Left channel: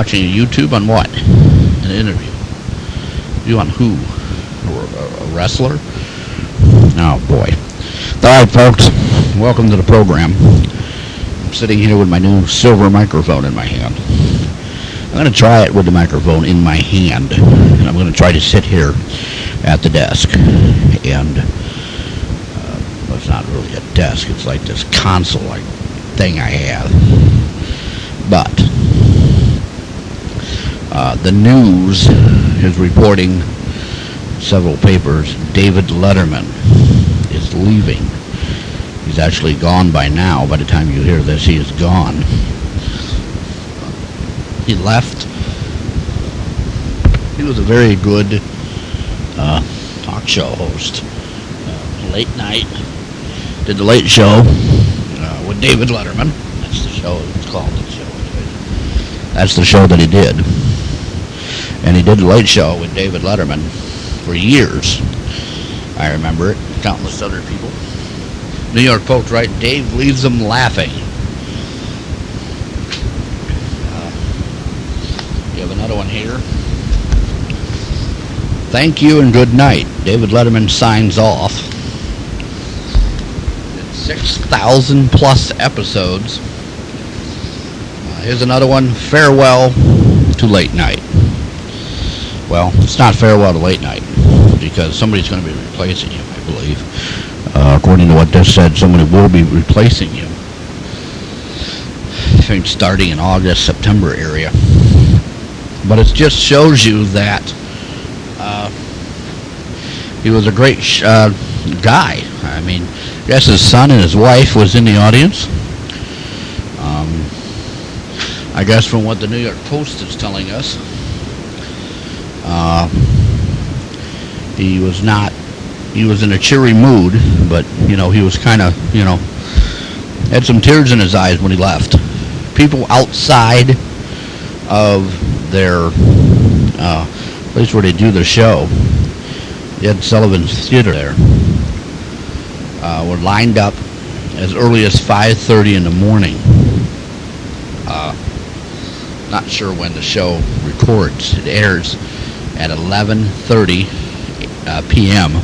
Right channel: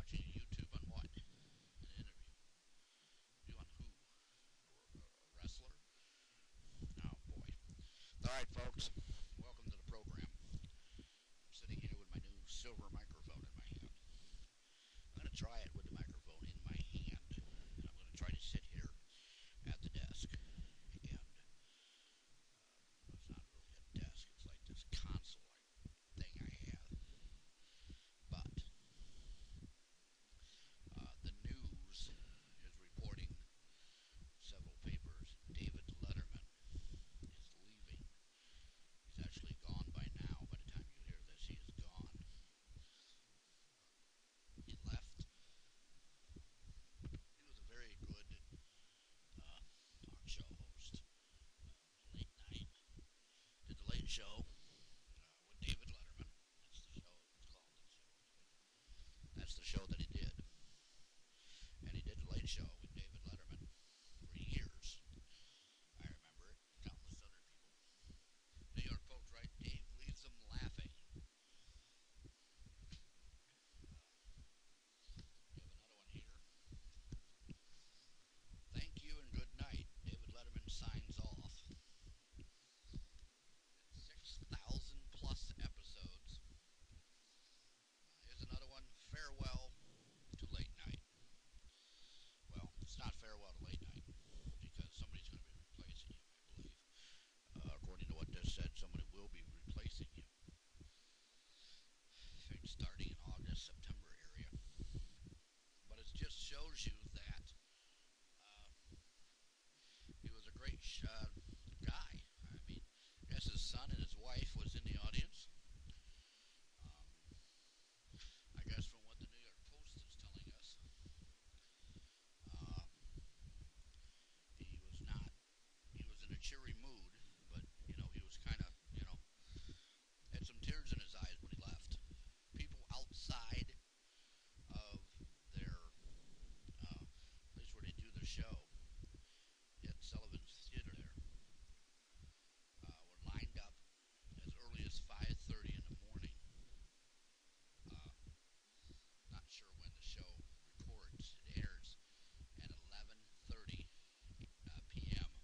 Watching a YouTube on what? An interview. You on who? A wrestler? Oh boy. Alright folks, welcome to the program. I'm sitting here with my new silver microphone in my hand. I'm going to try it with the microphone in my hand. And I'm going to try to sit here at the desk. And well, it's not really a desk, it's like this console-like thing I have. But the news is reporting, several papers, David Letterman is leaving. He's actually gone by now. By the time you hear this, he is gone. He left. He was a very good talk show host. Late night. Did the late show with David Letterman. That's the show. It's called the show. That's the show that he did. And he did the late show with David Letterman for years. I remember it. Countless other people. New York Post, right? Dave leaves them laughing. You have another one here. Thank you and good night. David Letterman signs off. 6,000 plus episodes. Here's another one. Farewell to late night. Well, it's not farewell to late night because somebody's going to be replacing him, I believe. According to what this said, somebody will be replacing him. I think starting in August, September area. But it just shows you that he was a great guy. I mean, I guess his son and his wife was in the audience. I guess from what the New York Post is telling us, he was in a cheery mood, but, you know, he was kind of, you know, had some tears in his eyes when he left. People outside of their place where they do their show, Ed Sullivan's Theater there, were lined up as early as 5:30 in the morning. Not sure when the show records. It airs at 11:30 p.m.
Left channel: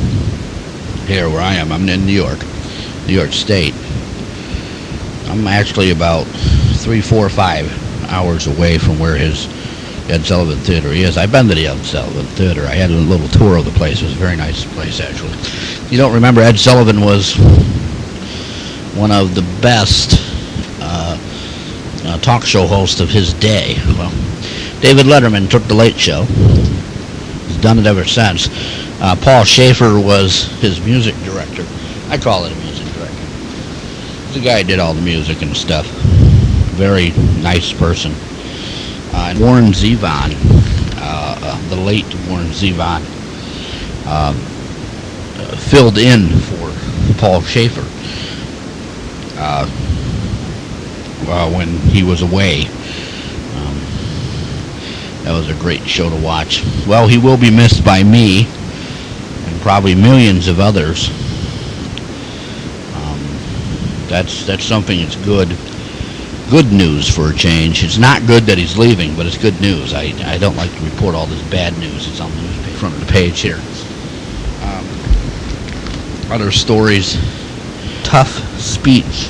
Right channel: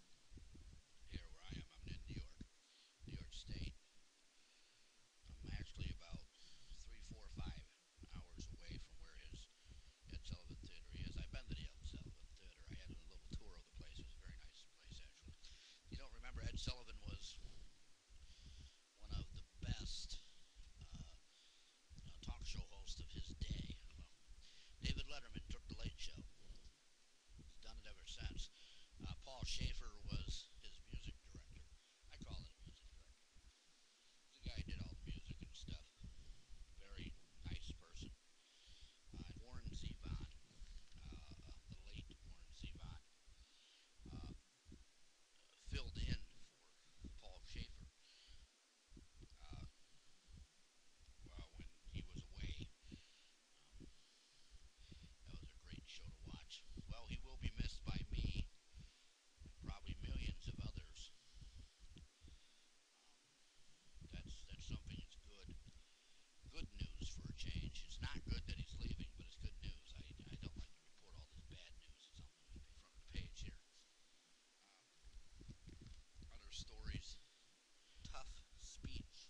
here where I am. I'm in New York State. I'm actually about 3, 4, 5 hours away from where his Ed Sullivan Theater is. I've been to the Ed Sullivan Theater. I had a little tour of the place. It was a very nice place, actually. You don't remember, Ed Sullivan was one of the best talk show hosts of his day. Well, David Letterman took the Late Show. He's done it ever since. Paul Schaefer was his music director. I call it a music director. The guy did all the music and stuff. Very nice person. And Warren Zevon, the late Warren Zevon, filled in for Paul Schaefer when he was away. That was a great show to watch. Well, he will be missed by me and probably millions of others. That's something that's good news for a change. It's not good that he's leaving, but it's good news. I don't like to report all this bad news. It's on the newspaper, front of the page here. Other stories. Tough speech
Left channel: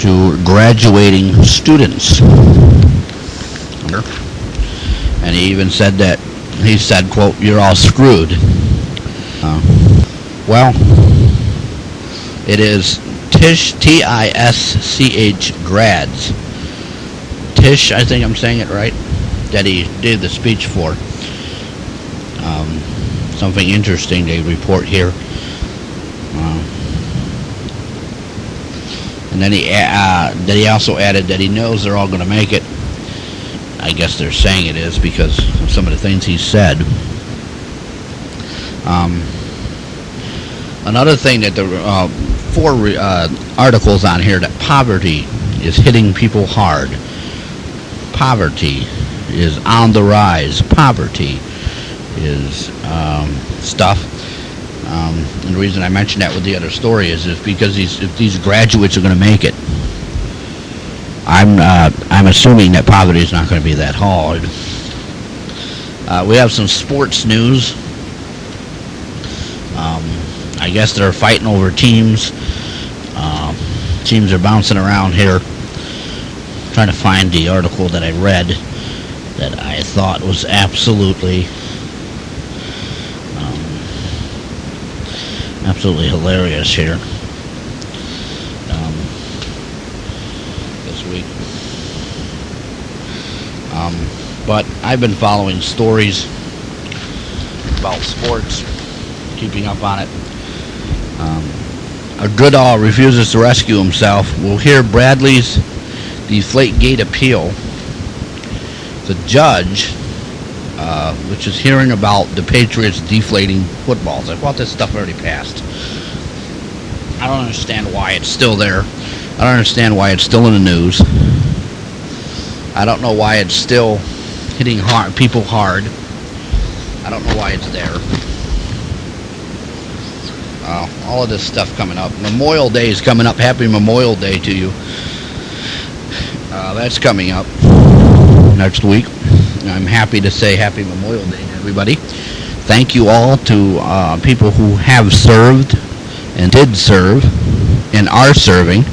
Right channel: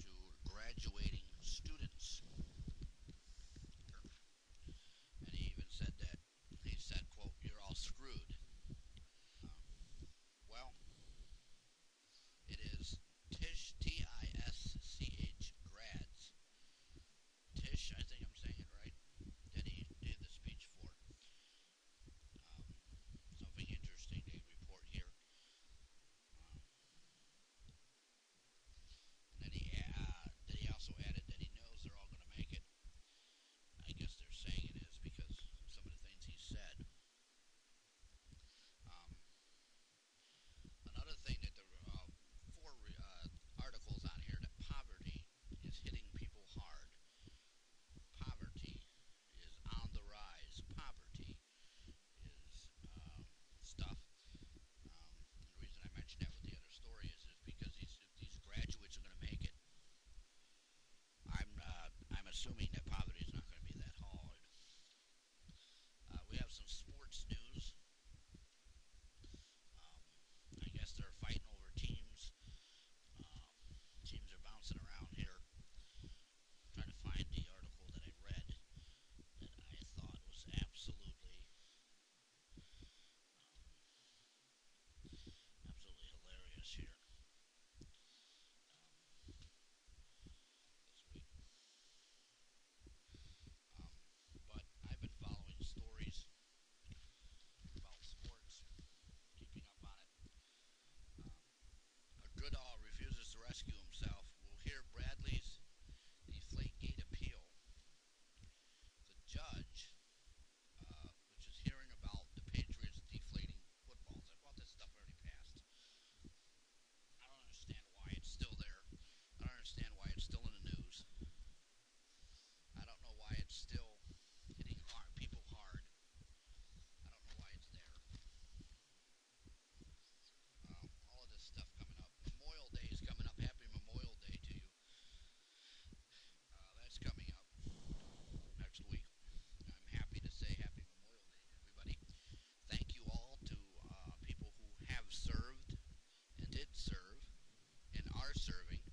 to graduating students. And he even said that, he said, quote, "You're all screwed." Well, it is Tisch, T-I-S-C-H grads. Tisch, I think I'm saying it right, that he did the speech for. Something interesting they report here. And then he also added that he knows they're all going to make it. I guess they're saying it is because of some of the things he said. Another thing that there were 4 articles on here, that poverty is hitting people hard. Poverty is on the rise. Poverty is stuff. And the reason I mentioned that with the other story is because if these graduates are going to make it, I'm assuming that poverty is not going to be that hard. We have some sports news. I guess they're fighting over teams. Teams are bouncing around here. Trying to find the article that I read that I thought was absolutely hilarious here this week. But I've been following stories about sports, keeping up on it. A Goodall refuses to rescue himself. We'll hear Bradley's Deflategate appeal. The judge, which is hearing about the Patriots deflating footballs. I thought this stuff already passed. I don't understand why it's still there. I don't understand why it's still in the news. I don't know why it's still hitting people hard. I don't know why it's there. All of this stuff coming up. Memorial Day is coming up. Happy Memorial Day to you. That's coming up next week. I'm happy to say Happy Memorial Day to everybody. Thank you all to people who have served and did serve and are serving.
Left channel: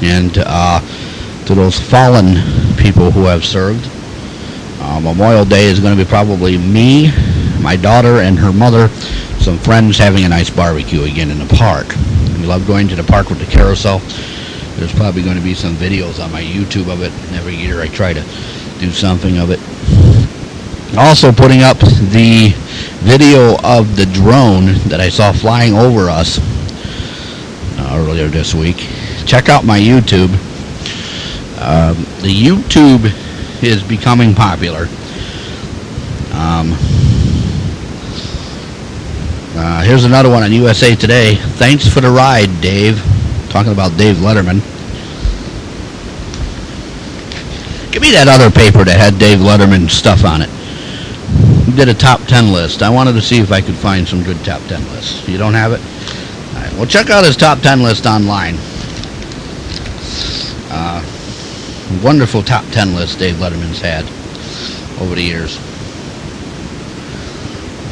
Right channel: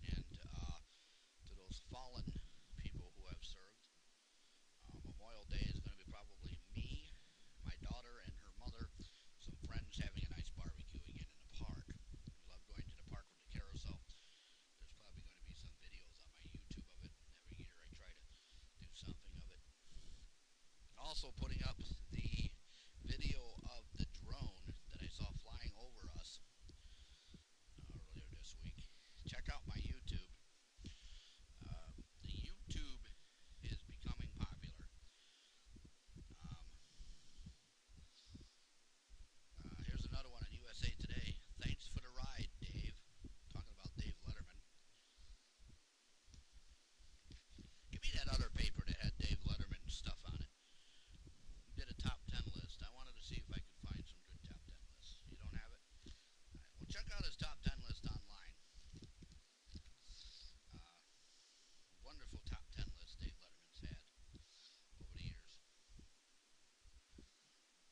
And to those fallen people who have served. Memorial Day is going to be probably me, my daughter, and her mother, some friends having a nice barbecue again in the park. We love going to the park with the carousel. There's probably going to be some videos on my YouTube of it. Every year I try to do something of it. Also putting up the video of the drone that I saw flying over us earlier this week. Check out my YouTube. The YouTube is becoming popular. Here's another one on USA Today. Thanks for the ride, Dave. Talking about Dave Letterman. Give me that other paper that had Dave Letterman stuff on it. He did a top 10 list. I wanted to see if I could find some good top 10 lists. You don't have it? All right. Well, check out his top 10 list online. Wonderful top 10 list Dave Letterman's had over the years.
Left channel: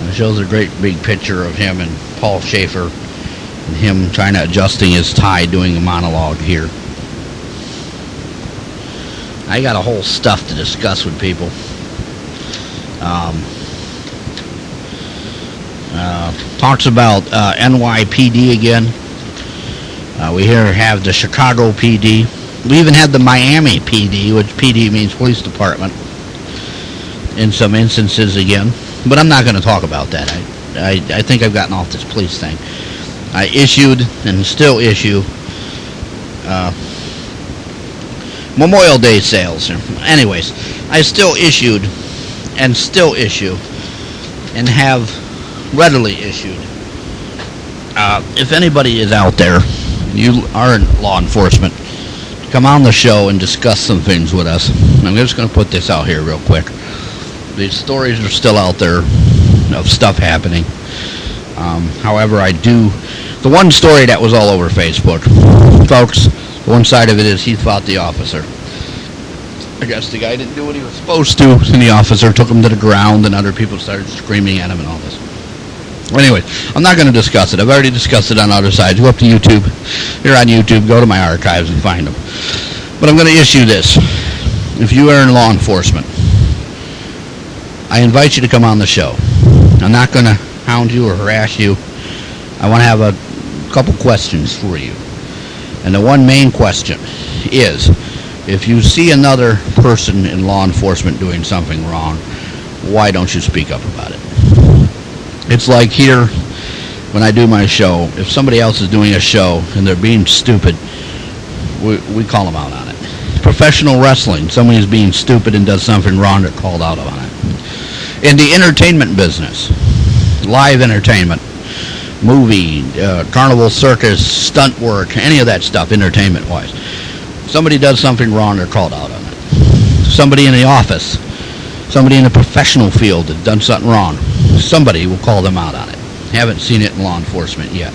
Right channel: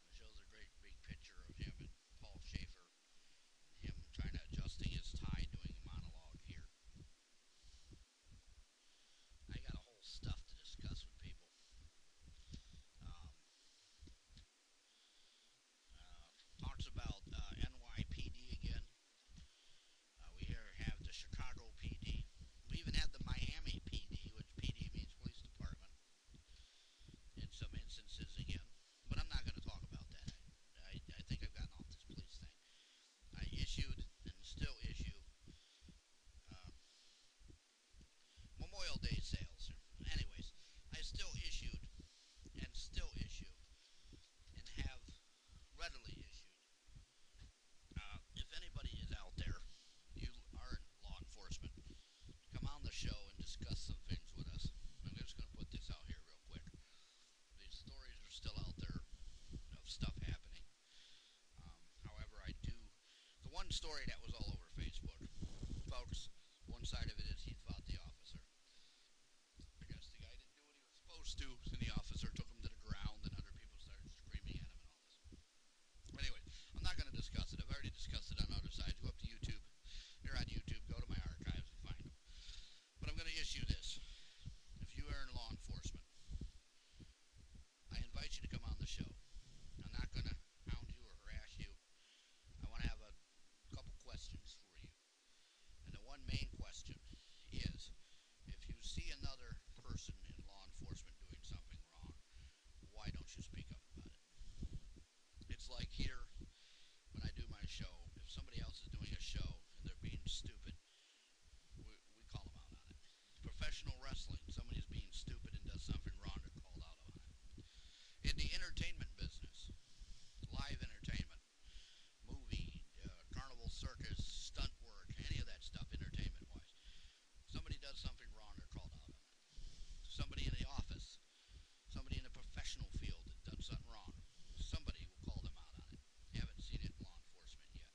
It shows a great big picture of him and Paul Schaefer and him trying to adjusting his tie doing a monologue here. I got a whole stuff to discuss with people. Talks about NYPD again. We here have the Chicago PD. We even had the Miami PD, which PD means police department, in some instances again. But I'm not going to talk about that. I think I've gotten off this police thing. I issued and still issue Memorial Day sales. Anyways, I still issued and still issue and have readily issued. If anybody is out there, you are in law enforcement, come on the show and discuss some things with us. I'm just going to put this out here real quick. These stories are still out there of stuff happening. However, the one story that was all over Facebook, folks, one side of it is he fought the officer. I guess the guy didn't do what he was supposed to, and the officer took him to the ground, and other people started screaming at him and all this. Anyway, I'm not going to discuss it. I've already discussed it on other sides. Go up to YouTube. You're on YouTube. Go to my archives and find them. But I'm going to issue this. If you are in law enforcement, I invite you to come on the show. I'm not going to hound you or harass you. I want to have a couple questions for you. And the one main question is, if you see another person in law enforcement doing something wrong, why don't you speak up about it? It's like here, when I do my show, if somebody else is doing a show and they're being stupid, we call them out on it. Professional wrestling, somebody is being stupid and does something wrong, they're called out on it. In the entertainment business, live entertainment, movie, carnival, circus, stunt work, any of that stuff, entertainment-wise, somebody does something wrong, they're called out on it. Somebody in the office, somebody in the professional field has done something wrong, somebody will call them out on it. Haven't seen it in law enforcement yet.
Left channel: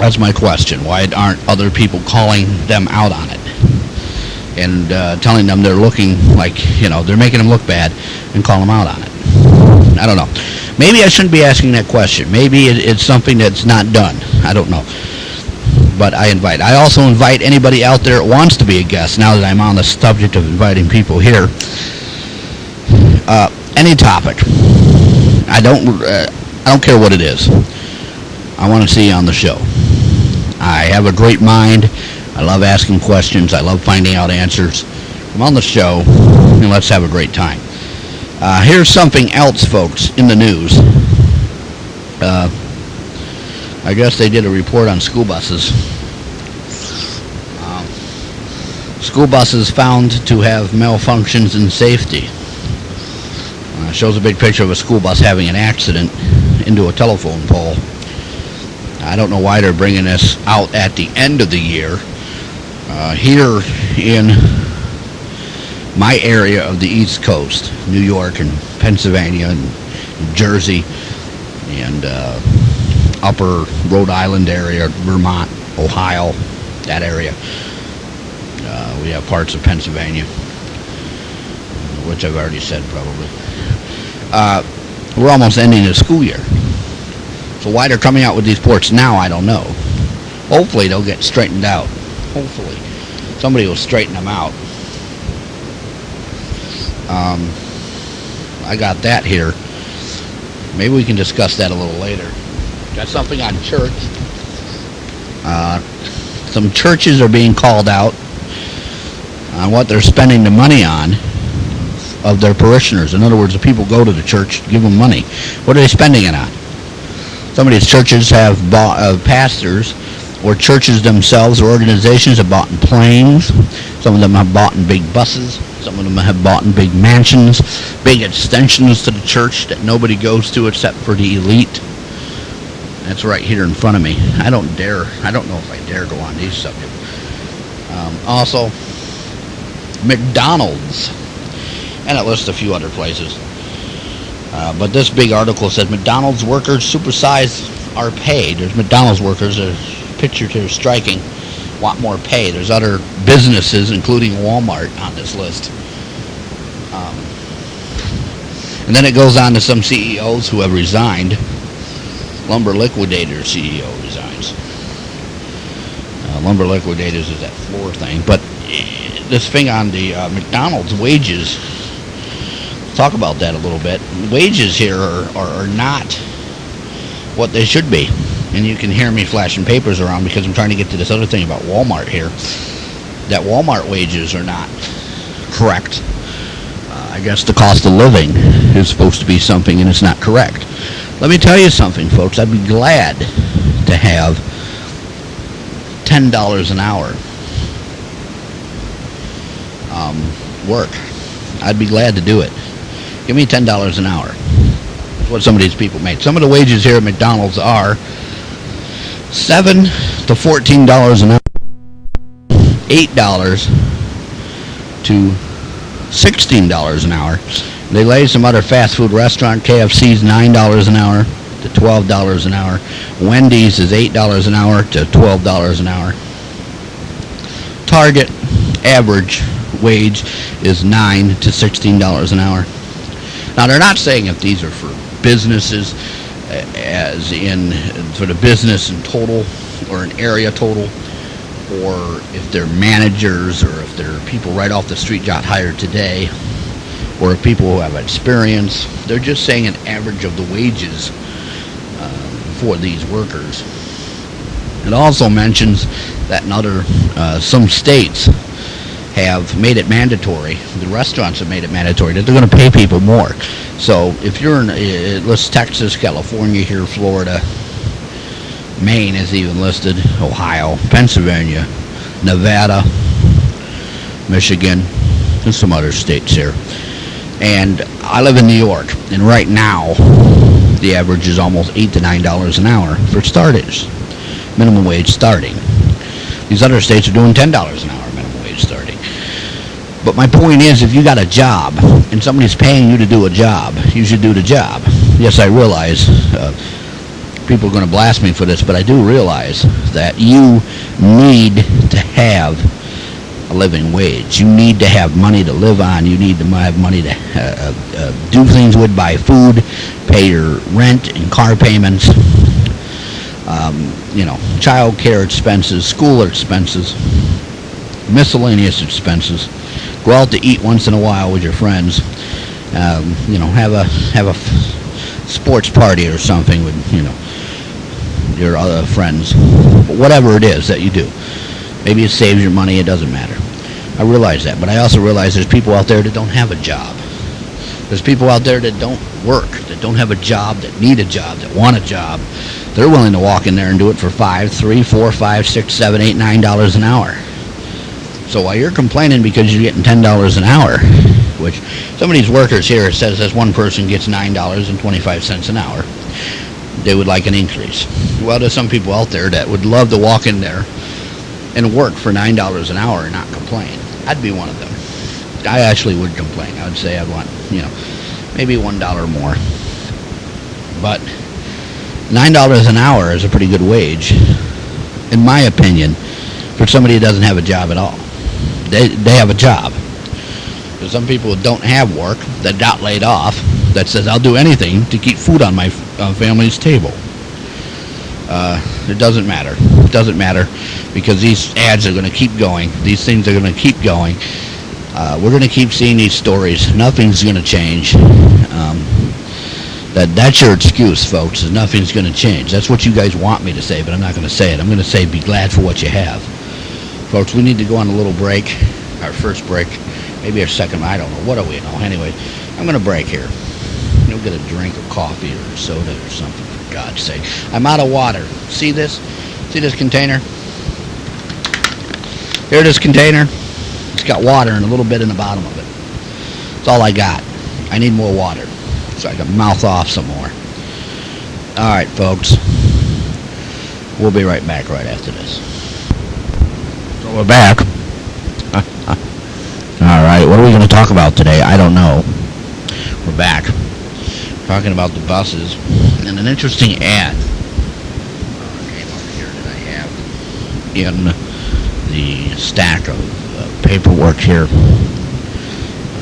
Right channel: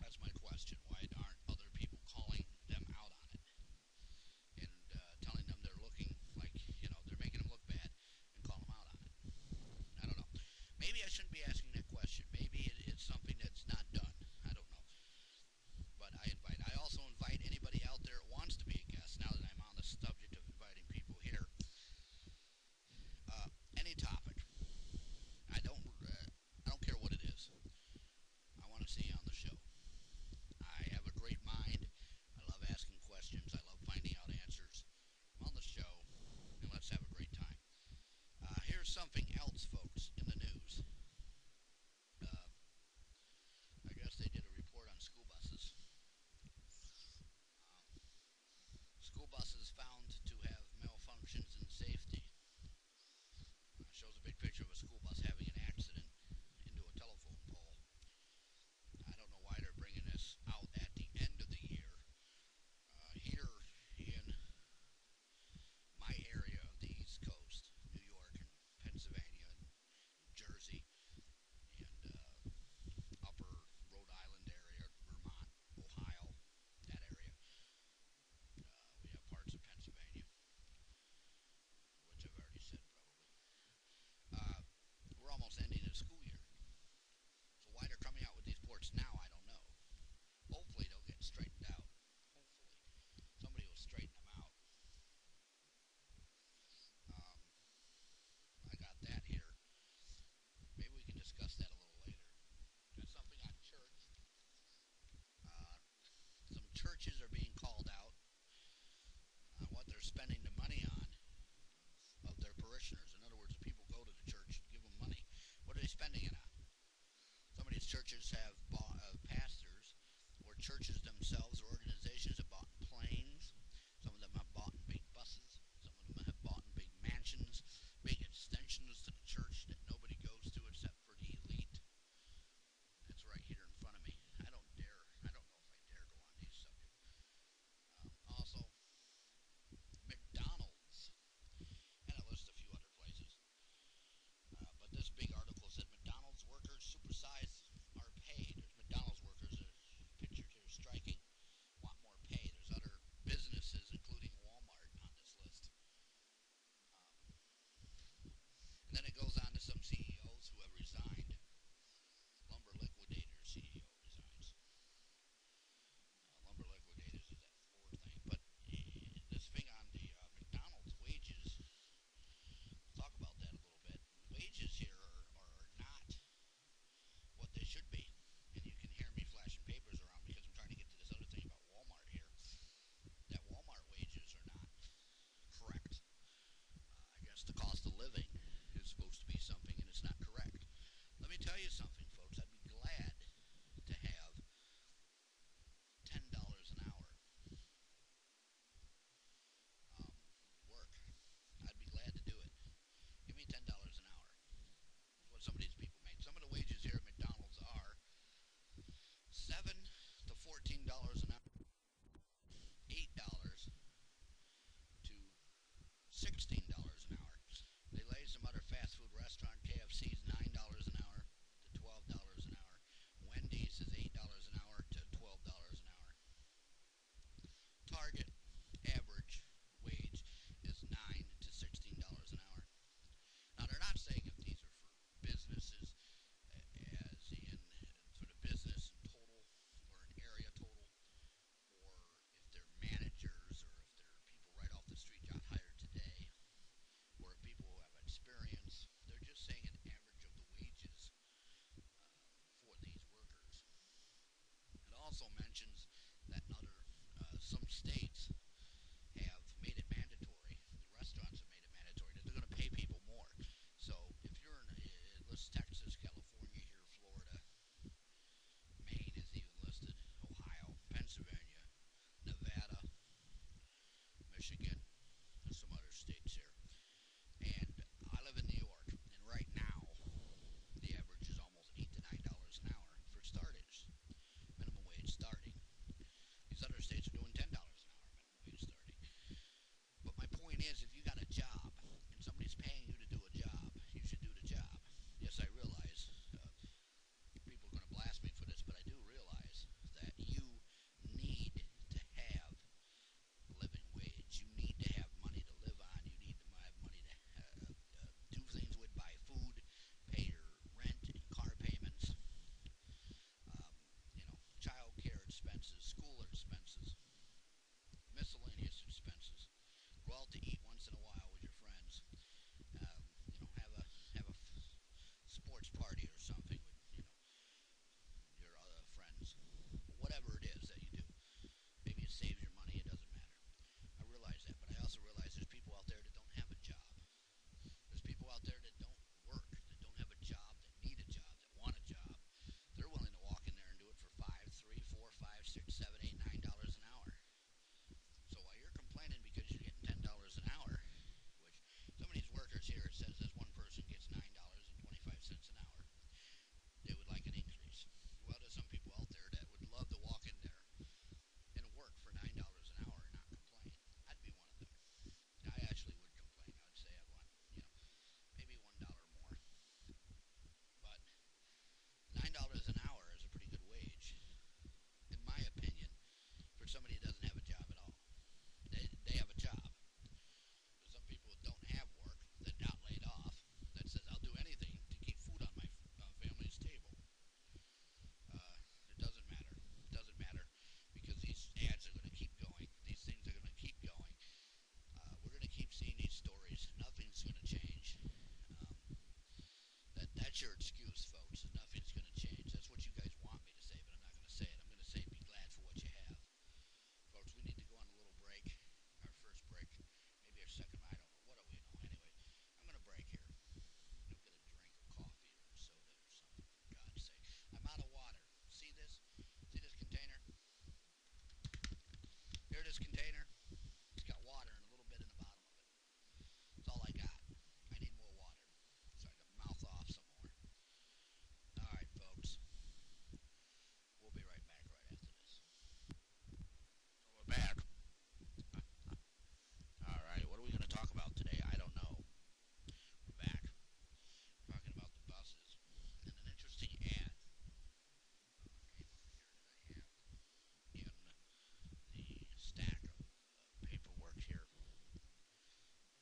That's my question. Why aren't other people calling them out on it and telling them they're looking like, they're making them look bad and call them out on it? I don't know. Maybe I shouldn't be asking that question. Maybe it's something that's not done. I don't know. But I also invite anybody out there that wants to be a guest, now that I'm on the subject of inviting people here. Any topic. I don't care what it is. I want to see you on the show. I have a great mind. I love asking questions. I love finding out answers. Come on the show, and let's have a great time. Here's something else, folks, in the news. I guess they did a report on school buses. School buses found to have malfunctions in safety. Shows a big picture of a school bus having an accident into a telephone pole. I don't know why they're bringing this out at the end of the year. Here in my area of the East Coast, New York and Pennsylvania and New Jersey and upper Rhode Island area, Vermont, Ohio, that area. We have parts of Pennsylvania, which I've already said probably. We're almost ending the school year. So why they're coming out with these reports now, I don't know. Hopefully they'll get straightened out. Hopefully. Somebody will straighten them out. I got that here. Maybe we can discuss that a little later. Got something on church. Some churches are being called out on what they're spending the money on of their parishioners. In other words, the people go to the church, give them money. What are they spending it on? Some of these churches have bought, pastors or churches themselves or organizations have bought in planes. Some of them have bought in big buses. Some of them have bought in big mansions, big extensions to the church that nobody goes to except for the elite. That's right here in front of me. I don't know if I dare go on these subjects. Also, McDonald's, and it lists a few other places. But this big article says McDonald's workers supersize our pay. There's McDonald's workers, there's pictures here striking, want more pay. There's other businesses, including Walmart, on this list. And then it goes on to some CEOs who have resigned. Lumber Liquidators CEO resigns. Lumber Liquidators is that floor thing. But this thing on the McDonald's wages, talk about that a little bit. Wages here are not what they should be. And you can hear me flashing papers around because I'm trying to get to this other thing about Walmart here. That Walmart wages are not correct. I guess the cost of living is supposed to be something, and it's not correct. Let me tell you something, folks. I'd be glad to have $10 an hour work. I'd be glad to do it. Give me $10 an hour. That's what some of these people make. Some of the wages here at McDonald's are $7 to $14 an hour, $8 to $16 an hour. They lay some other fast food restaurant. KFC's $9 an hour to $12 an hour. Wendy's is $8 an hour to $12 an hour. Target average wage is $9 to $16 an hour. Now, they're not saying if these are for businesses, as in for the business in total or an area total, or if they're managers, or if they're people right off the street got hired today, or if people who have experience. They're just saying an average of the wages for these workers. It also mentions that in other, some states have made it mandatory, the restaurants have made it mandatory, that they're going to pay people more. So if you're in, let's Texas, California here, Florida, Maine is even listed, Ohio, Pennsylvania, Nevada, Michigan, and some other states here. And I live in New York, and right now, the average is almost $8 to $9 an hour for starters, minimum wage starting. These other states are doing $10 an hour minimum wage starting. But my point is, if you got a job, and somebody's paying you to do a job, you should do the job. Yes, I realize people are going to blast me for this, but I do realize that you need to have a living wage. You need to have money to live on. You need to have money to do things with, buy food, pay your rent and car payments, child care expenses, school expenses, miscellaneous expenses. Go out to eat once in a while with your friends. Have a sports party or something with your other friends. Whatever it is that you do. Maybe it saves your money. It doesn't matter. I realize that, but I also realize there's people out there that don't have a job. There's people out there that don't work, that don't have a job, that need a job, that want a job. They're willing to walk in there and do it for $5, $3, $4, $5, $6, $7, $8, $9 an hour. So while you're complaining because you're getting $10 an hour, which some of these workers here says this one person gets $9.25 an hour, they would like an increase. Well, there's some people out there that would love to walk in there and work for $9 an hour and not complain. I'd be one of them. I actually would complain. I would say I'd want, maybe $1 more. But $9 an hour is a pretty good wage, in my opinion, for somebody who doesn't have a job at all. They have a job. There's some people who don't have work, that got laid off, that says, I'll do anything to keep food on my family's table. It doesn't matter. It doesn't matter because these ads are going to keep going. These things are going to keep going. We're going to keep seeing these stories. Nothing's going to change. That's your excuse, folks, is nothing's going to change. That's what you guys want me to say, but I'm not going to say it. I'm going to say be glad for what you have. Folks, we need to go on a little break, our first break, maybe our second, I don't know. What do we know? Anyway, I'm going to break here. You'll get a drink of coffee or soda or something, for God's sake. I'm out of water. See this? See this container? Here, this container. It's got water and a little bit in the bottom of it. That's all I got. I need more water so I can mouth off some more. All right, folks. We'll be right back right after this. So we're back. All right, what are we going to talk about today? I don't know. We're back. Talking about the buses. And an interesting ad came up here that I have in the stack of paperwork here.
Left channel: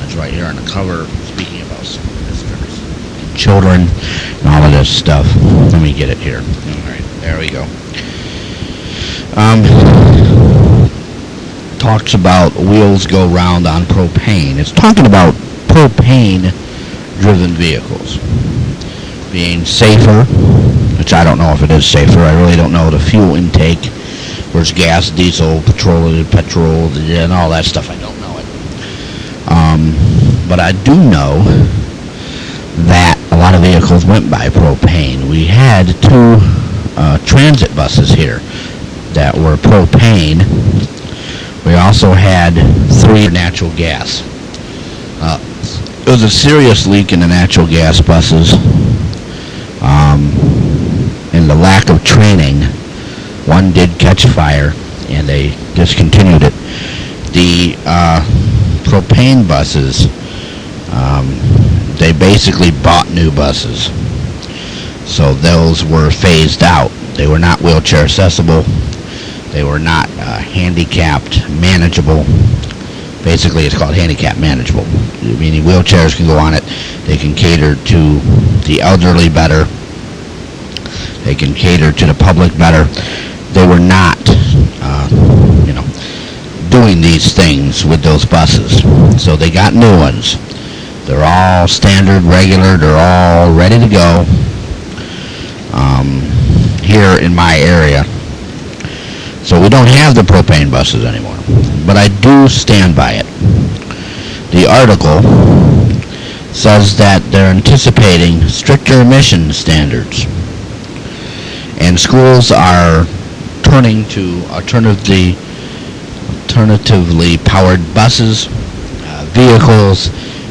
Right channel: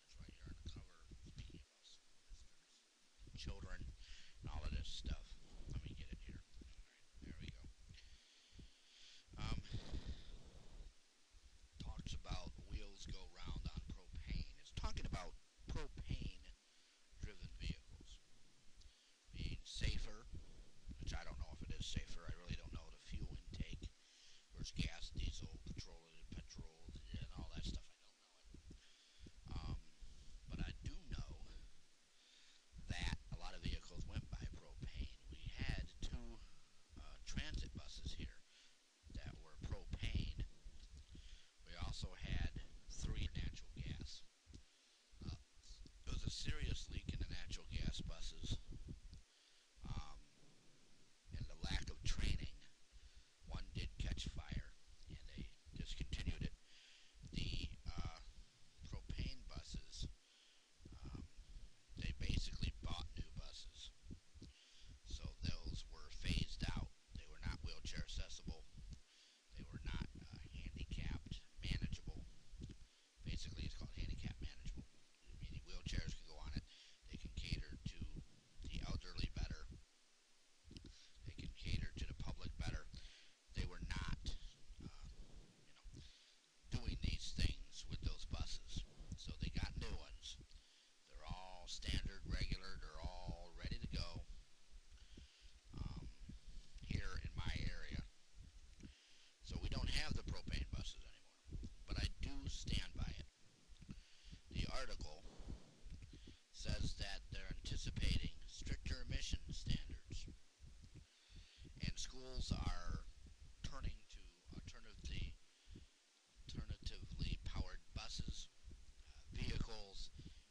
It's right here on the cover, speaking about children and all of this stuff. Let me get it here. All right, there we go. Talks about wheels go round on propane. It's talking about propane-driven vehicles being safer, which I don't know if it is safer. I really don't know the fuel intake versus gas, diesel, petrol, and all that stuff. I don't know it. But I do know that a lot of vehicles went by propane. We had 2 transit buses here that were propane. We also had 3 natural gas. There was a serious leak in the natural gas buses, and the lack of training. One did catch fire, and they discontinued it. The propane buses, they basically bought new buses, so those were phased out. They were not wheelchair accessible. They were not handicapped manageable. Basically, it's called handicap manageable, meaning wheelchairs can go on it. They can cater to the elderly better. They can cater to the public better. They were not, doing these things with those buses. So they got new ones. They're all standard, regular. They're all ready to go here in my area. So we don't have the propane buses anymore, but I do stand by it. The article says that they're anticipating stricter emission standards, and schools are turning to alternatively powered buses, vehicles,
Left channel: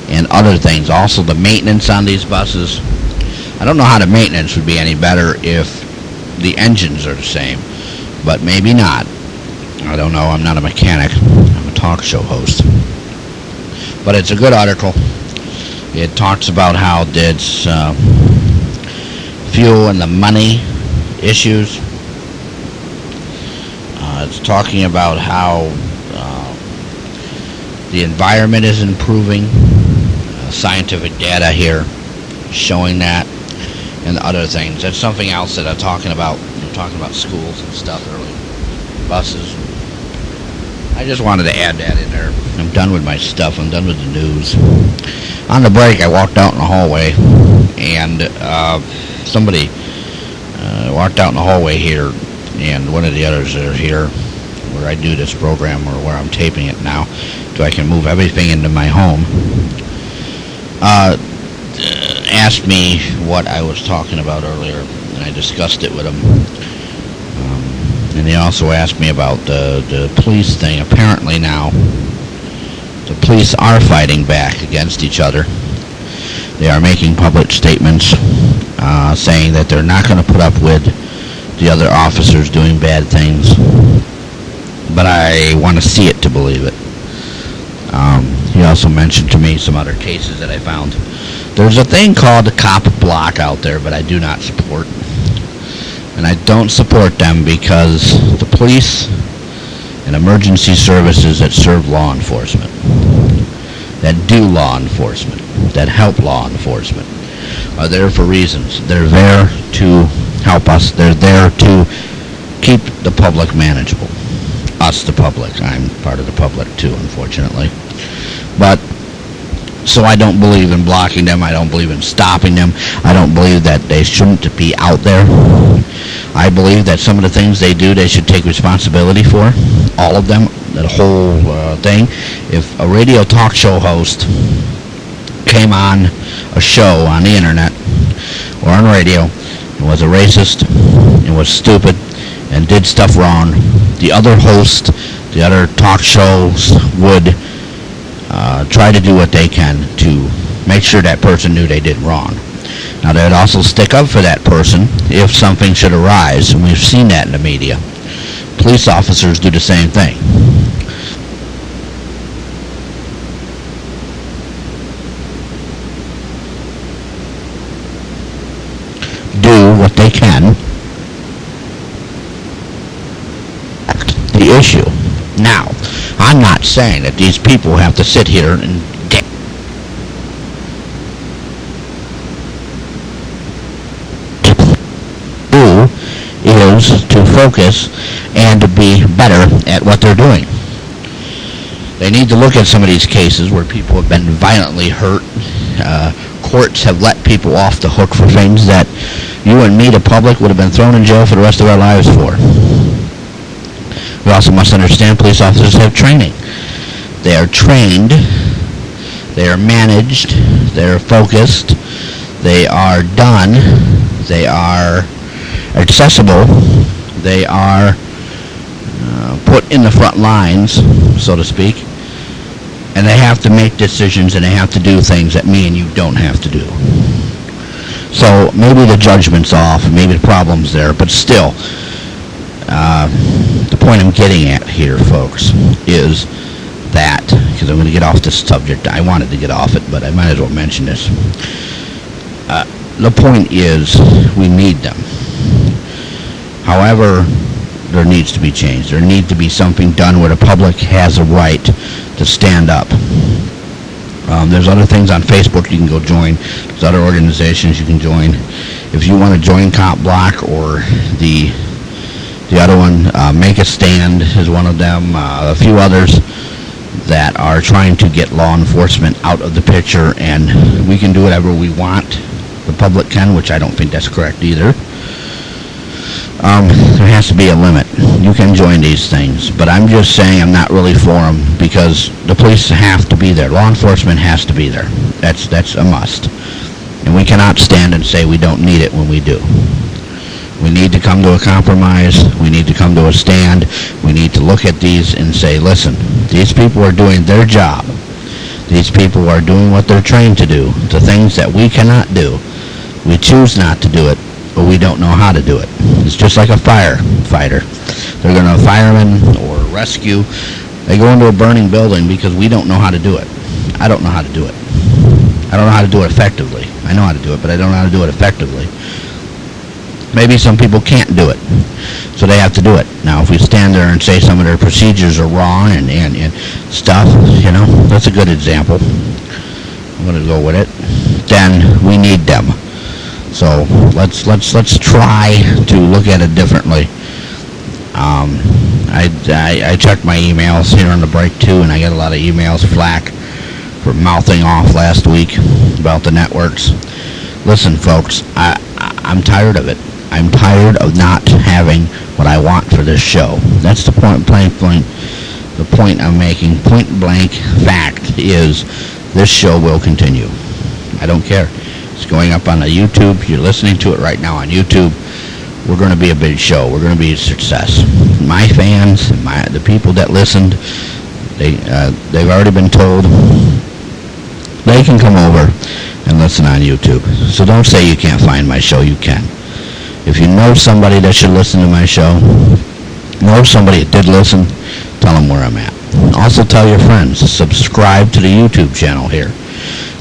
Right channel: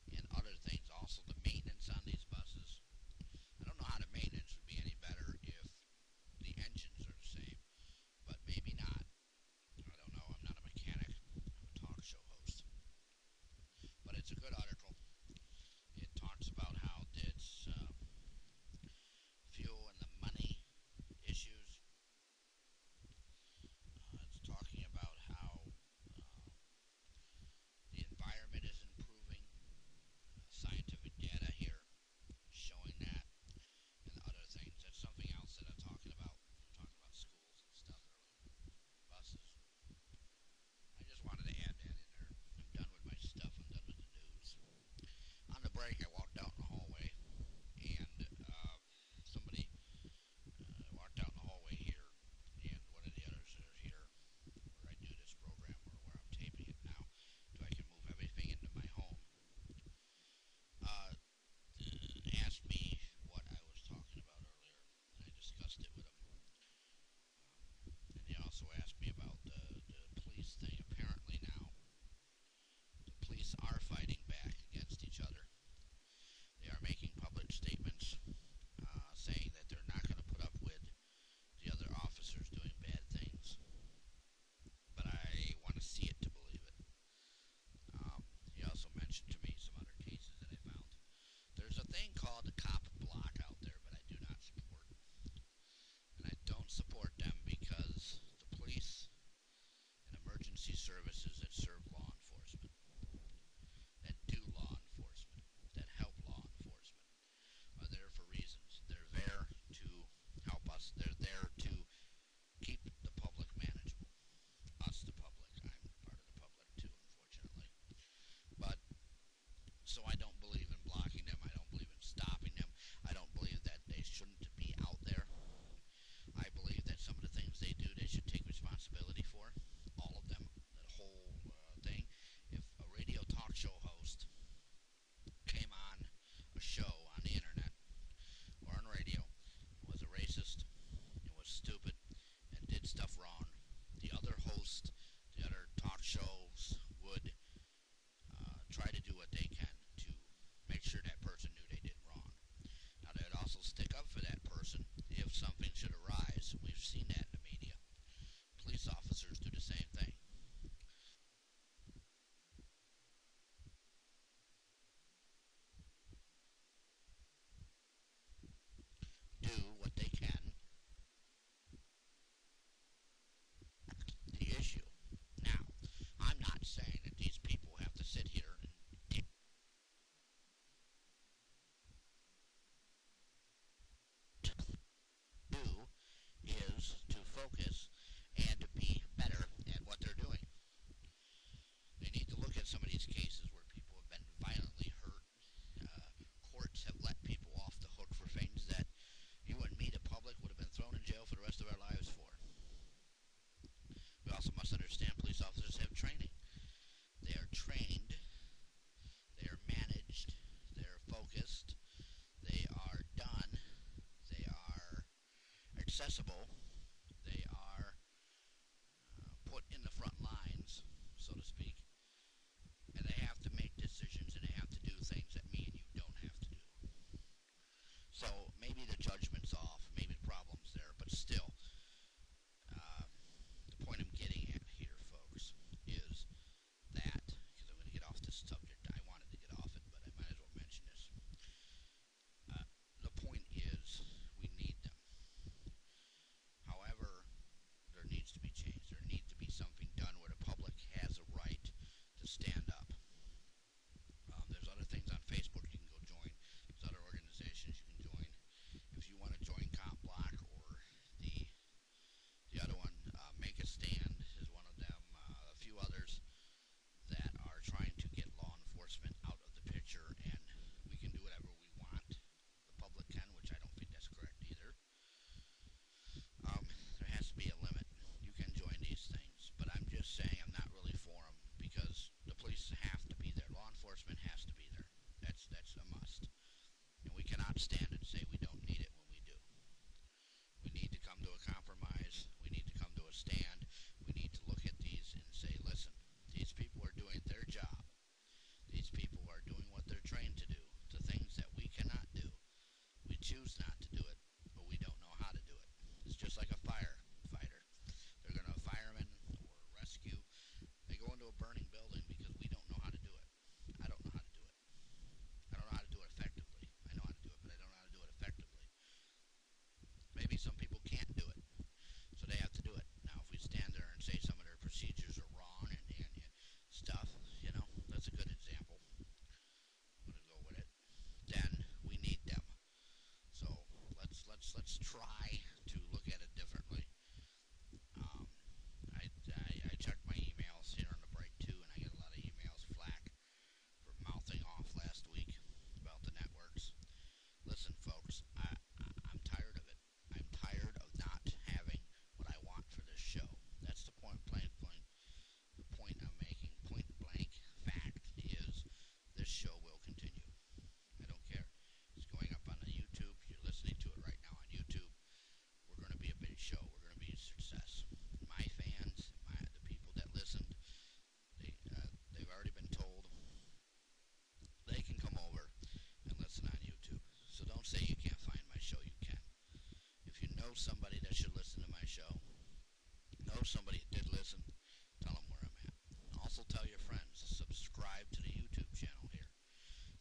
and other things. Also, the maintenance on these buses. I don't know how the maintenance would be any better if the engines are the same. But maybe not. I don't know. I'm not a mechanic. I'm a talk show host. But it's a good article. It talks about how it's fuel and the money issues. It's talking about how the environment is improving. Scientific data here showing that, and other things. That's something else that I'm talking about. We're talking about schools and stuff earlier, buses. I just wanted to add that in there. I'm done with my stuff. I'm done with the news. On the break, I walked out in the hallway, and somebody walked out in the hallway here, and one of the others are here where I do this program, or where I'm taping it now, so I can move everything into my home. Asked me what I was talking about earlier, and I discussed it with him. And he also asked me about the police thing. Apparently now, the police are fighting back against each other. They are making public statements saying that they're not going to put up with the other officers doing bad things. But I want to see it to believe it. He also mentioned to me some other cases that I found. There's a thing called the cop block out there, but I do not support. And I don't support them because the police and emergency services that serve law enforcement, that do law enforcement, that help law enforcement, are there for reasons. They're there to help us. They're there to keep the public manageable. Us, the public. I'm part of the public too, unfortunately. But, so I don't believe in blocking them. I don't believe in stopping them. I don't believe that they shouldn't be out there. I believe that some of the things they do, they should take responsibility for. All of them, that whole thing. If a radio talk show host came on a show on the internet or on radio and was a racist and was stupid and did stuff wrong, the other host, the other talk shows would try to do what they can to make sure that person knew they did wrong. Now, they'd also stick up for that person if something should arise, and we've seen that in the media. Police officers do the same thing. Do what they can. The issue. Now, I'm not saying that these people have to sit here and do is to focus and to be better at what they're doing. They need to look at some of these cases where people have been violently hurt. Courts have let people off the hook for things that you and me, the public, would have been thrown in jail for the rest of our lives for. We also must understand police officers have training. They are trained, they are managed, they are focused, they are done, they are accessible, they are put in the front lines, so to speak, and they have to make decisions and they have to do things that me and you don't have to do. So maybe the judgment's off, maybe the problem's there, but still, the point I'm getting at here, folks, is that, because I'm going to get off this subject. I wanted to get off it, but I might as well mention this. The point is, we need them. However, there needs to be change. There needs to be something done where the public has a right to stand up. There's other things on Facebook you can go join. There's other organizations you can join. If you want to join Cop Block or the other one, Make a Stand is one of them. A few others that are trying to get law enforcement out of the picture, and we can do whatever we want. The public can, which I don't think that's correct either. There has to be a limit. You can join these things, but I'm just saying I'm not really for them because the police have to be there. Law enforcement has to be there. That's a must. And we cannot stand and say we don't need it when we do. We need to come to a compromise. We need to come to a stand. We need to look at these and say, listen, these people are doing their job. These people are doing what they're trained to do. The things that we cannot do. We choose not to do it, but we don't know how to do it. It's just like a firefighter. They're going to fireman or rescue. They go into a burning building because we don't know how to do it. I don't know how to do it. I don't know how to do it effectively. I know how to do it, but I don't know how to do it effectively. Maybe some people can't do it, so they have to do it. Now, if we stand there and say some of their procedures are wrong and stuff, that's a good example. I'm going to go with it. Then we need them. So let's try to look at it differently. I checked my emails here on the break too, and I got a lot of emails flack for mouthing off last week about the networks. Listen, folks, I'm tired of it. I'm tired of not having what I want for this show. That's the point. The point I'm making. Point blank fact is this show will continue. I don't care. It's going up on the YouTube. You're listening to it right now on YouTube. We're going to be a big show. We're going to be a success. My fans, the people that listened, they've already been told they can come over and listen on YouTube. So don't say you can't find my show. You can. If you know somebody that should listen to my show, know somebody that did listen, tell them where I'm at. Also tell your friends. Subscribe to the YouTube channel here.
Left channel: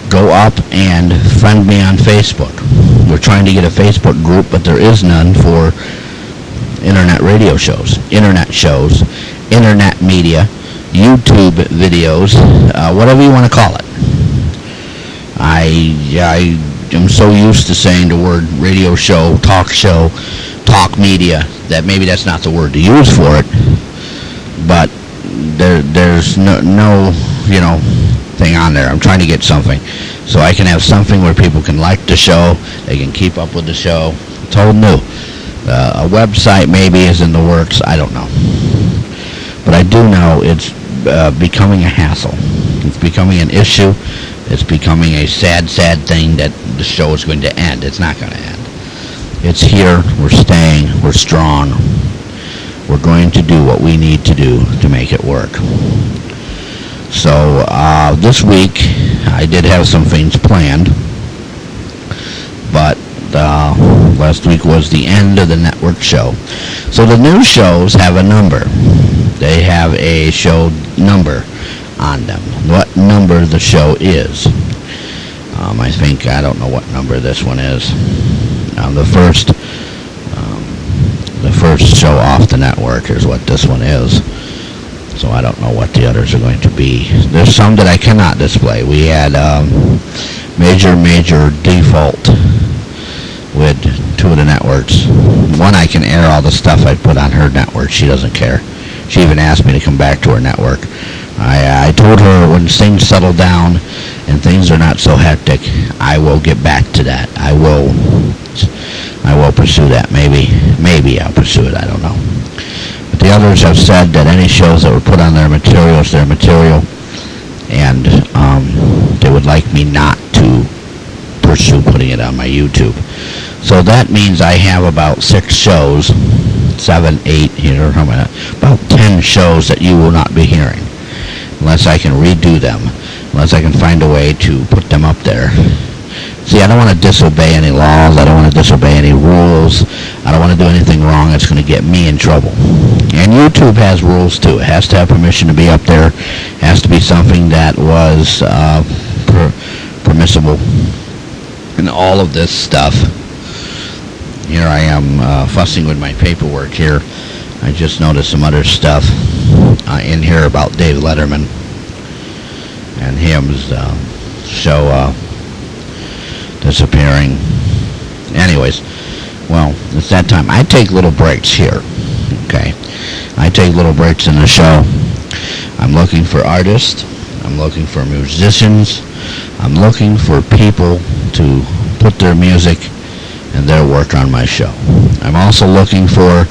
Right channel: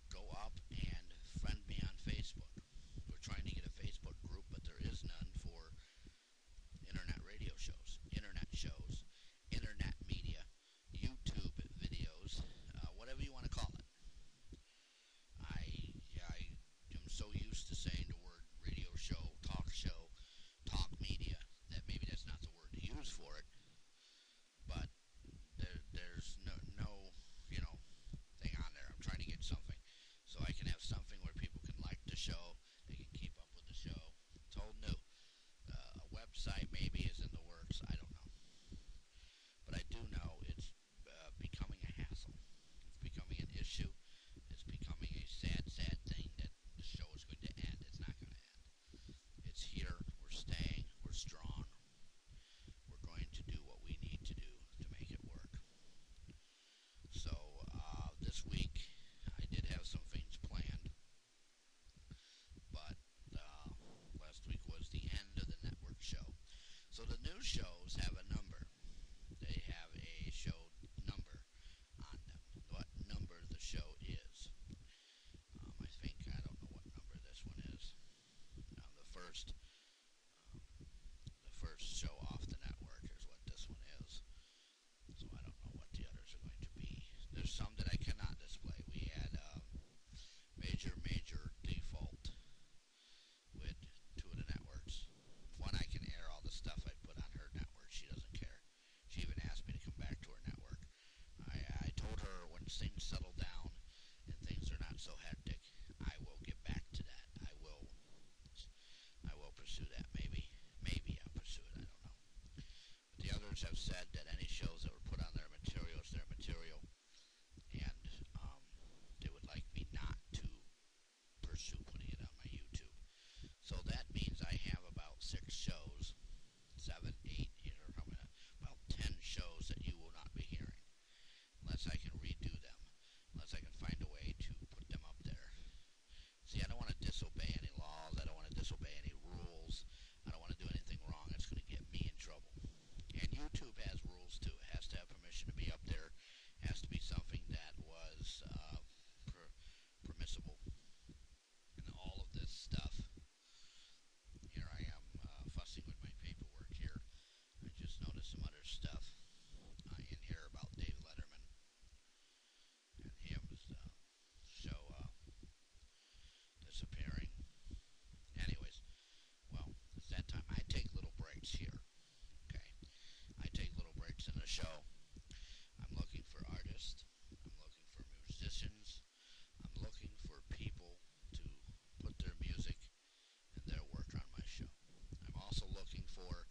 Go up and friend me on Facebook. We're trying to get a Facebook group, but there is none for internet radio shows, internet media, YouTube videos, whatever you want to call it. I am so used to saying the word radio show, talk media, that maybe that's not the word to use for it, but there's no thing on there. I'm trying to get something so I can have something where people can like the show, they can keep up with the show. It's all new. A website maybe is in the works. I don't know, but I do know it's becoming a hassle. It's becoming an issue. It's becoming a sad thing that the show is going to end. It's not going to end. It's here. We're staying. We're strong. We're going to do what we need to do to make it work. So this week I did have some things planned, but last week was the end of the network show. So the new shows have a number. They have a show number on them. What number the show is. I don't know what number this one is. The first show off the network is what this one is. So I don't know what the others are going to be. There's some that I cannot display. We had major default with two of the networks. One, I can air all the stuff I put on her network. She doesn't care. She even asked me to come back to her network. I told her when things settle down and things are not so hectic, I will get back to that. I will pursue that. Maybe I'll pursue it. I don't know. But the others have said that any shows that were put on their material is their material, and they would like me not to pursue putting it on my YouTube. So that means I have about 6 shows, 7, 8 here, about 10 shows that you will not be hearing, unless I can redo them, unless I can find a way to put them up there. See, I don't want to disobey any laws. I don't want to disobey any rules. I don't want to do anything wrong that's going to get me in trouble. And YouTube has rules too. It has to have permission to be up there. It has to be something that was permissible. And all of this stuff. Here I am fussing with my paperwork here. I just noticed some other stuff in here about Dave Letterman and him's show disappearing. Anyways, well, it's that time. I take little breaks here, okay? I take little breaks in the show. I'm looking for artists. I'm looking for musicians. I'm looking for people to put their music and their work on my show. I'm also looking for,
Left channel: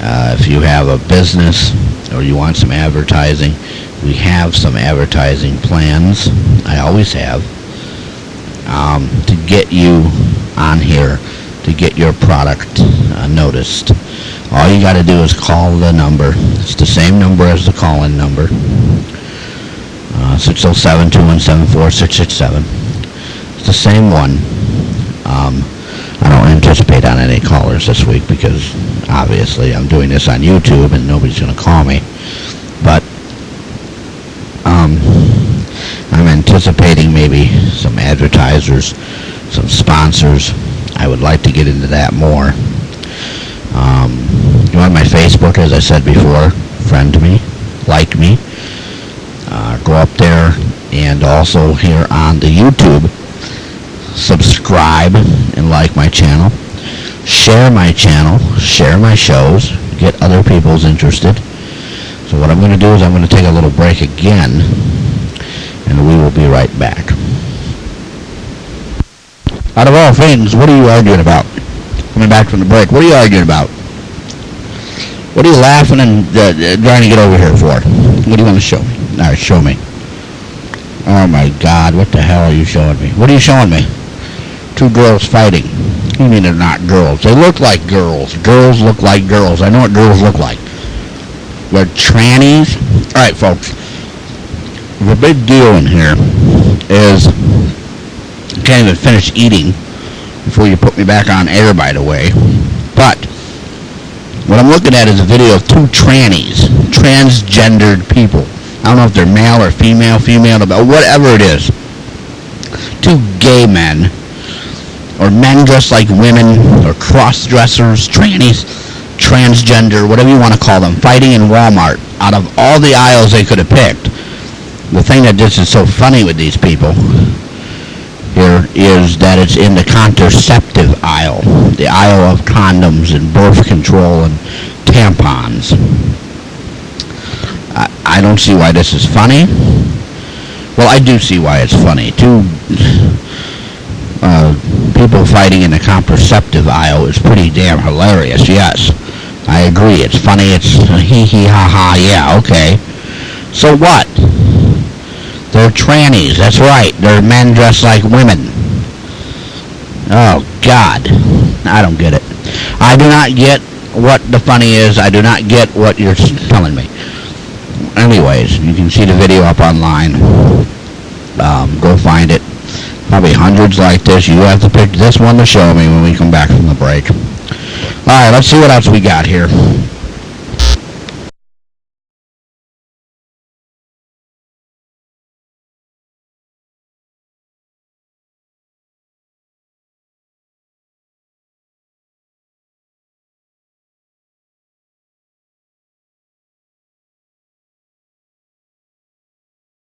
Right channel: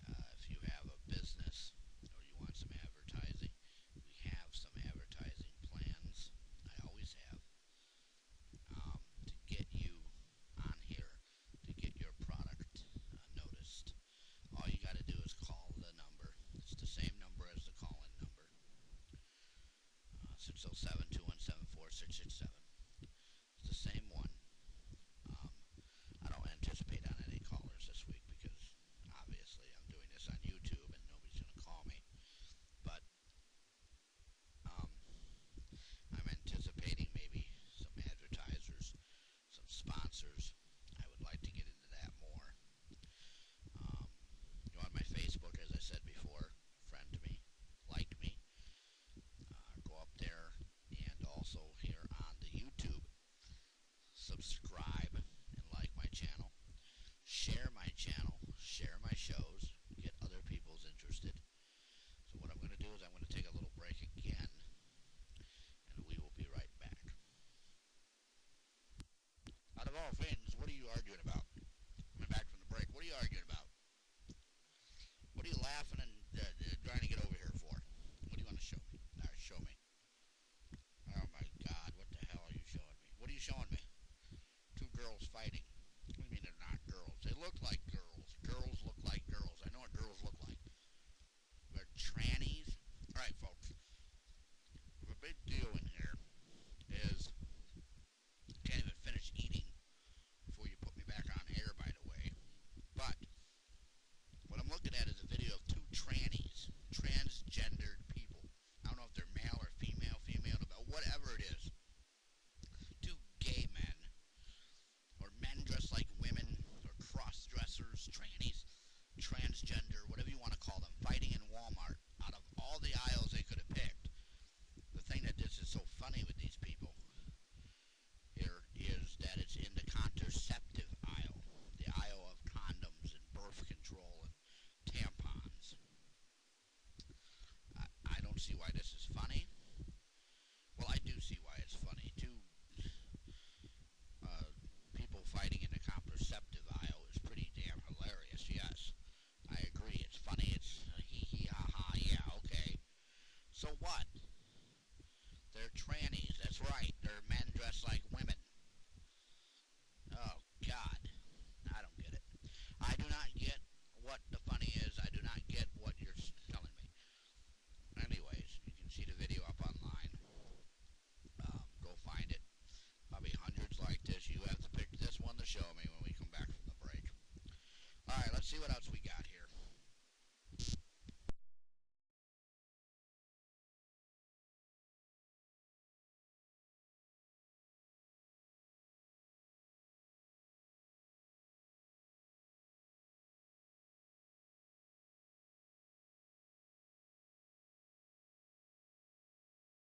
if you have a business or you want some advertising, we have some advertising plans. I always have. To get you on here, to get your product noticed. All you got to do is call the number. It's the same number as the call-in number. 607-217-4667. It's the same one. I don't anticipate on any callers this week because obviously I'm doing this on YouTube and nobody's going to call me. But I'm anticipating maybe some advertisers, some sponsors. I would like to get into that more. Go on my Facebook, as I said before, friend me, like me. Go up there, and also here on the YouTube, subscribe and like my channel. Share my channel, share my shows, get other people's interested. So what I'm going to do is I'm going to take a little break again, and we will be right back. Out of all things, what are you arguing about? Coming back from the break, what are you arguing about? What are you laughing and trying to get over here for? What do you want to show me? All right, show me. Oh my God, what the hell are you showing me? What are you showing me? Two girls fighting. What do you mean they're not girls? They look like girls. Girls look like girls. I know what girls look like. They're trannies. All right, folks. The big deal in here is I can't even finish eating before you put me back on air, by the way. But what I'm looking at is a video of two trannies, transgendered people. I don't know if they're male or female, whatever it is. Two gay men, or men dressed like women, or cross-dressers, trannies, transgender, whatever you want to call them, fighting in Walmart. Out of all the aisles they could have picked, the thing that just is so funny with these people here is that it's in the contraceptive aisle, the aisle of condoms and birth control and tampons. I don't see why this is funny. Well, I do see why it's funny. Two people fighting in the contraceptive aisle is pretty damn hilarious, yes. I agree. It's funny. It's hee ha ha, yeah, okay. So what? They're trannies, that's right. They're men dressed like women. Oh, God. I don't get it. I do not get what the funny is. I do not get what you're telling me. Anyways, you can see the video up online. Go find it. Probably hundreds like this. You have to pick this one to show me when we come back from the break. All right, let's see what else we got here.